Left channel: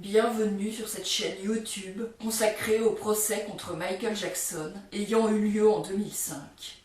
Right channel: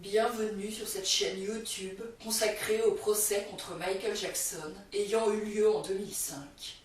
Bienvenue sur cette chaîne YouTube consacrée au procès contre Michael Jackson ayant eu lieu en 2005.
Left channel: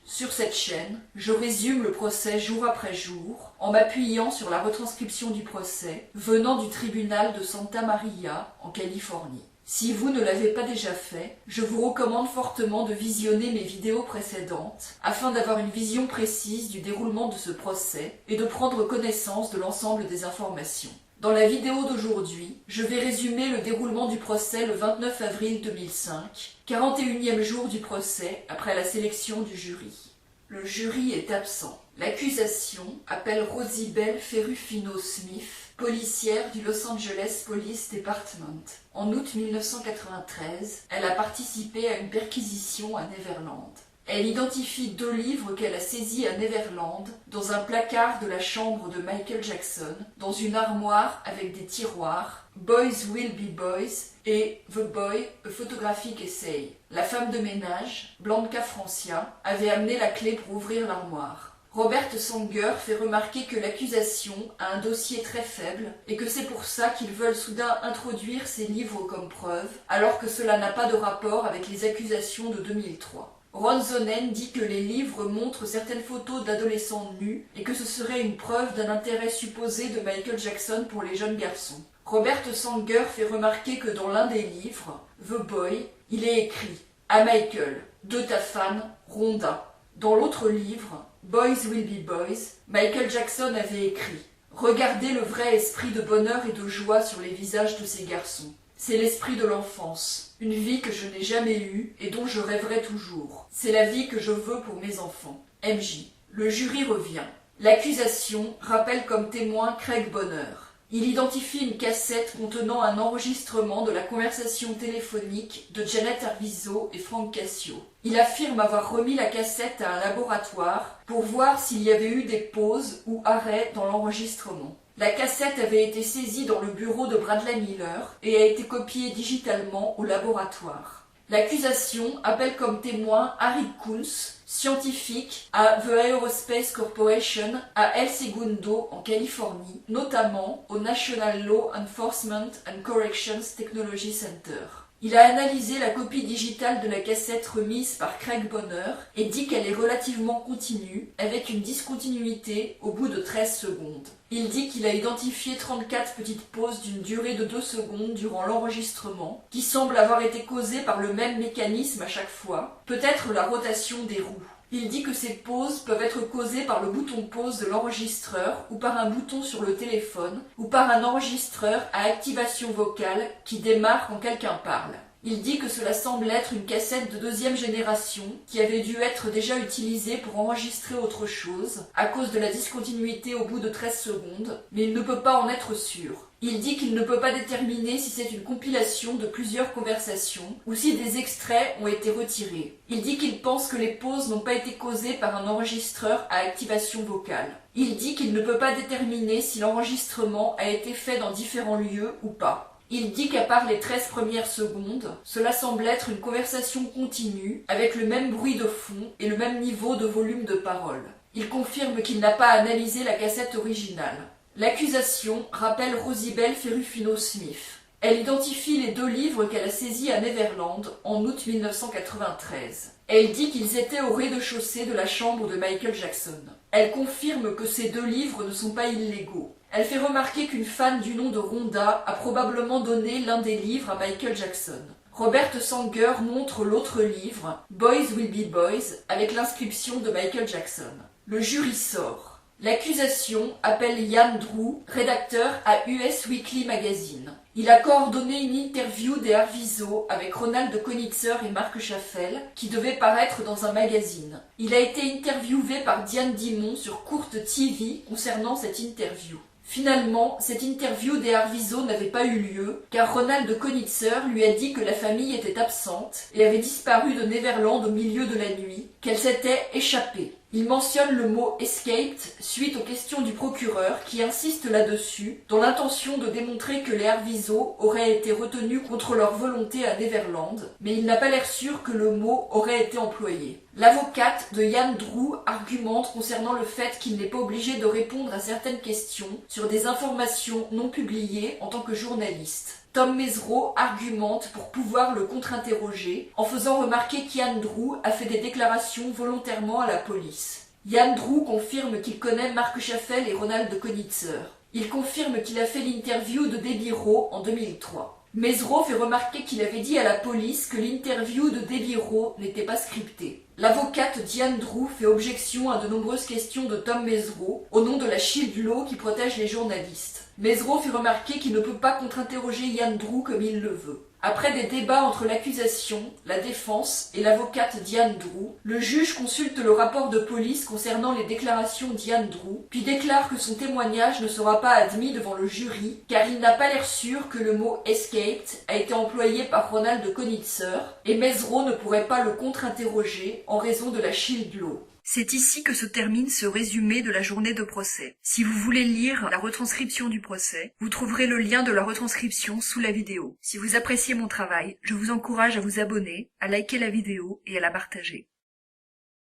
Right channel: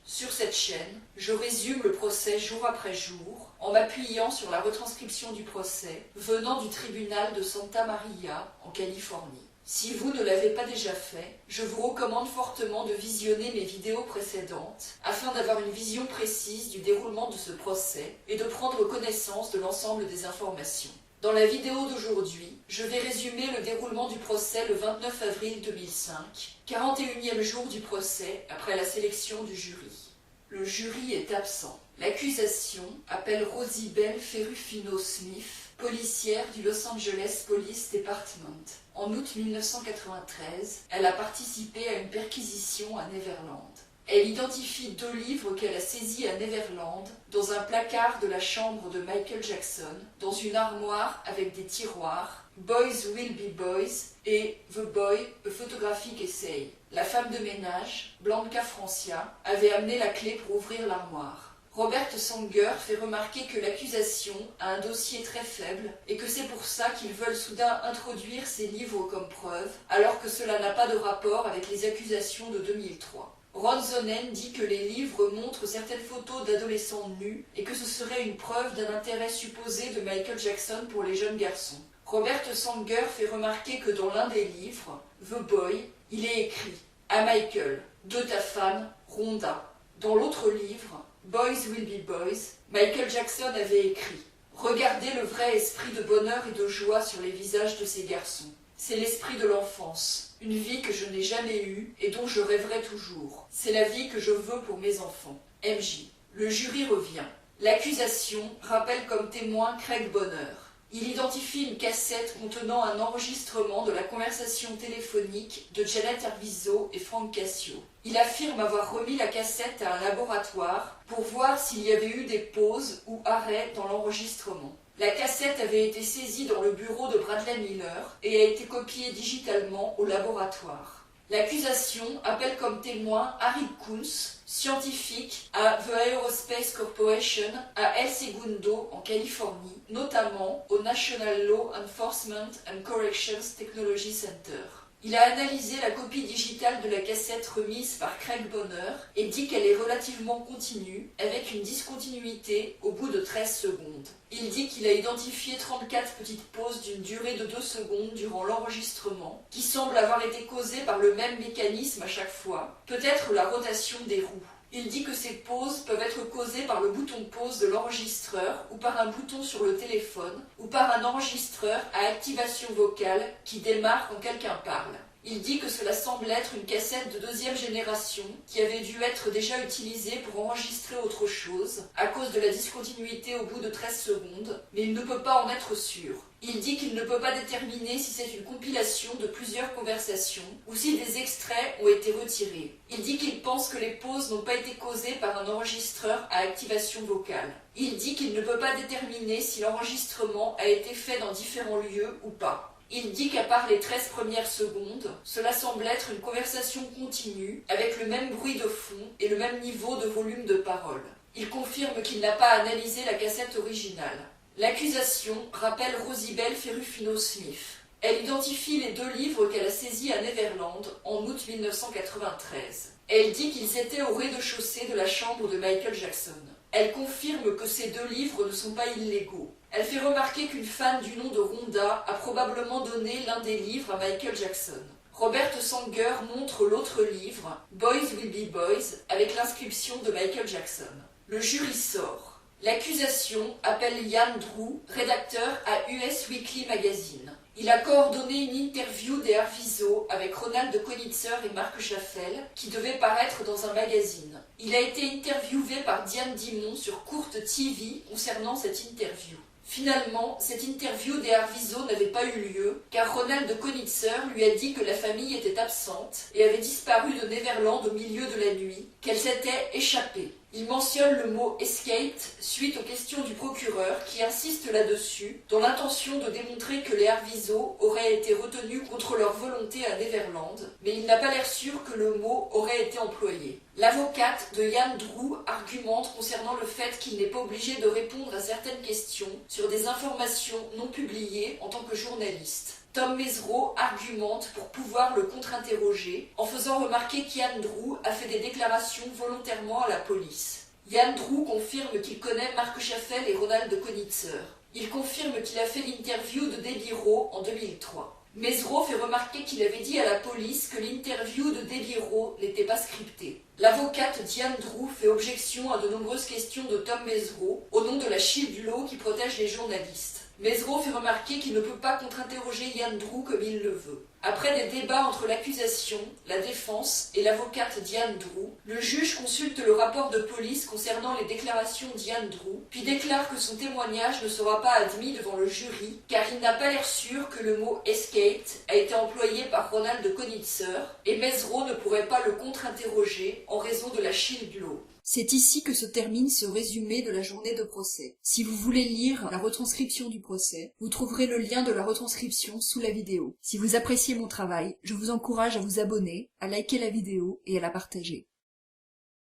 Sur cette chaîne, je résume le procès jour après jour en m'appuyant sur la retranscription du procès venant du tribunal de Santa Maria en Californie. Si vous ne l'avez pas déjà fait, je vous recommande fortement de visionner mes vidéos précédentes afin d'avoir une vision précise du déroulement de ce procès et de prendre connaissance de l'ensemble des informations. Dans la vidéo d'aujourd'hui, je vais résumer le déroulement du procès le 29 avril 2005, 41e jour du procès après la sélection du jury. Le jury est absent. L'accusation appelle Rosibel Ferrufino-Smith, policière du Los Angeles Police Department. En août 1993, elle a participé à une perquisition à Neverland. Elle identifie 2 livres qu'elle a saisis à Neverland dans un placard de la chambre de Michael Jackson, dans une armoire avec des tiroirs, Boys Will Be Boys et The Boy, A Photographic Essay. La femme de ménage, Blanca Francia, avait amené la clé pour ouvrir l'armoire. Robert Sanger fait remarquer que l'accusation a un dossier très faible et que c'est pour ça qu'ils veulent soudain introduire ces livres comme preuve, alors que cela n'a pas de rapport avec les accusations de 2003. Ron Zonen dit que les livres montrent certaines photos d'adolescents nus et que ce serait une preuve d'un intérêt supposé de Michael Jackson pour les jeunes garçons. Robert Sanger fait remarquer que dans l'un des livres, The Boy, il est écrit « À Michael, de ta fan, Rhonda ». Dans l'autre livre, Boys Will Be Boys, Michael Jackson avait écrit « Regardez le vrai esprit de bonheur et de joie sur les visages de ces garçons. C'est l'esprit de l'enfance, une vie que je n'ai jamais eue et dont je rêverai toujours. C'est la vie que je veux pour mes enfants. MJ. Le jury revient. L'accusation rappelle comme témoin Craig Bonner. Il identifie une cassette contenant un enregistrement de la conversation téléphonique de Janet Arvizo et Frank Cassio. Il affirme avoir remis la cassette à un laboratoire pour voir s'il y avait eu des pauses ou arrêts dans l'enregistrement. La cassette avait été saisie dans le bureau de Bradley Miller et a été copiée digitalement au laboratoire. L'accusation appelle comme témoin Harry Kunz, scientifique à The Aerospace Corporation à El Segundo en Californie, notamment au National Law Enforcement and Corrections Technology Center. Il a analysé la copie digitale de la cassette remise par Craig Bonner et dit qu'elle est relativement continue, avec une discontinuité au bout de 13 secondes. Il dit qu'il a identifié 34 petites pauses d'une durée de 2 secondes durant l'enregistrement, qui semblent avoir été causées par le même mécanisme à chaque fois, peut-être la rotation des roues. Il dit que ces pauses peuvent être causées par le bouton pause de l'enregistreur ou par un bouton sur le téléphone ou par un enregistreur à activation vocale qui démarre quand quelqu'un parle. Il dit que cela semble être une cassette de 2e génération qui avait dû être déjà utilisée pour enregistrer autre chose à cause de la discontinuité au bout de 13 secondes, mais il ne peut pas en être sûr. Il dit qu'il ne peut pas déterminer si c'est une compilation de plusieurs conversations ou si des extraits ont été retirés. Il dit qu'il pense que les pauses n'ont pas été causées par un enregistreur à activation vocale. Il dit qu'il ne peut pas déterminer si l'enregistrement a été fait dans différents lieux ou pas. Il dit qu'à part les 13 premières secondes, cela semble être une conversation continue avec le même bruit de fond et le même niveau de volume de parole. Il confirme qu'il n'a pas analysé la cassette originale. L'accusation rappelle Rosibel Ferrufino-Smith. Elle identifie les 2 livres qu'elle a saisis à Neverland en août 1993. Elle dit qu'ils étaient au rez-de-chaussée de la chambre de Michael Jackson. Elle confirme que ces 2 livres ne sont pas illégaux. Elle fait remarquer qu'une fan du nom de Rhonda a probablement donné l'un des livres à Michael Jackson. Robert Sanger montre l'autre livre, Boys Will Be Boys, avec l'inscription de Michael Jackson. Le jury sort. L'accusation appelle Ian Drew, rédacteur à US Weekly Magazine. Il a coordonné une interview des Arvizo avec Ronald Konitzer et Mark Schaffel qui devait paraître dans un magazine. Il a été interviewé par Diane Dimon sur Court TV concernant cette interview. Finalement, cette interview des Arvizo n'avait pas eu lieu car Ronald Konitzer lui a dit que la famille était absente et avait disparu de Neverland au milieu de la nuit, qu'elle s'était échappée. Il mentionne le mot « escaped » suite aux questions du procureur qui insiste là-dessus, dans l'intention de démontrer que les Arvizo auraient été retenus contre leur volonté à Neverland, mais il n'a pas l'air sûr que le mot aurait été employé. L'avocate de Yann Drew argumente concernant le fait qu'il n'est pas obligé de répondre à certaines questions sur des informations non publiées en tant que journaliste. Tom Mesereau argumente pour pouvoir le contre-interroger en faisant remarquer qu'Yann Drew a fait des déclarations volontairement à la police. Yann Drew confirme qu'il connaît Marc Chaffel et Ronald Konitzer. Il confirme qu'il a fait l'interview de Debbie Rowe en 2003. Mesereau fait remarquer qu'il avait dit à la police que l'interview de Debbie Rowe n'était pas scriptée. L'avocate Diane Drew fait objection à de nombreuses questions de Tom Mesereau au nom de la Shield Law qui protège les journalistes. Mesereau fait remarquer qu'il ne peut pas contre-interroger Yann Drew comme il le veut. Après des débats entre l'accusation, la défense et l'avocate Diane Drew, le juge consulte le rapport de police concernant les déclarations d'Yann Drew, puis déclare que son témoignage ne sera pas admis devant le jury, car il n'a pas l'air sûr que le mot « escaped » a été employé par Ronald Konitzer, et Mesereau ne pourrait pas le contre-interroger en raison de la Shield Law. C'est ici que se termine ce résumé de la journée de procès. Si vous voulez lire la retranscription du procès, vous trouverez le lien de la retranscription sous la vidéo. Si vous appréciez mon travail, je vous encourage à vous abonner, à liker la vidéo et à la partager.